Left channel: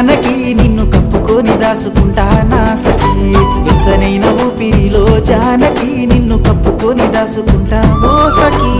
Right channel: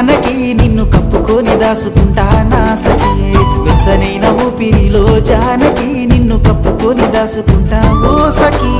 జానకి నిన్ను కప్పుకొని దాసుకుంటా నా సఖీ వెచ్చనైన ఊపిరిలో జానకి నిన్ను కప్పుకొని దాసుకుంటా ఓ సఖీ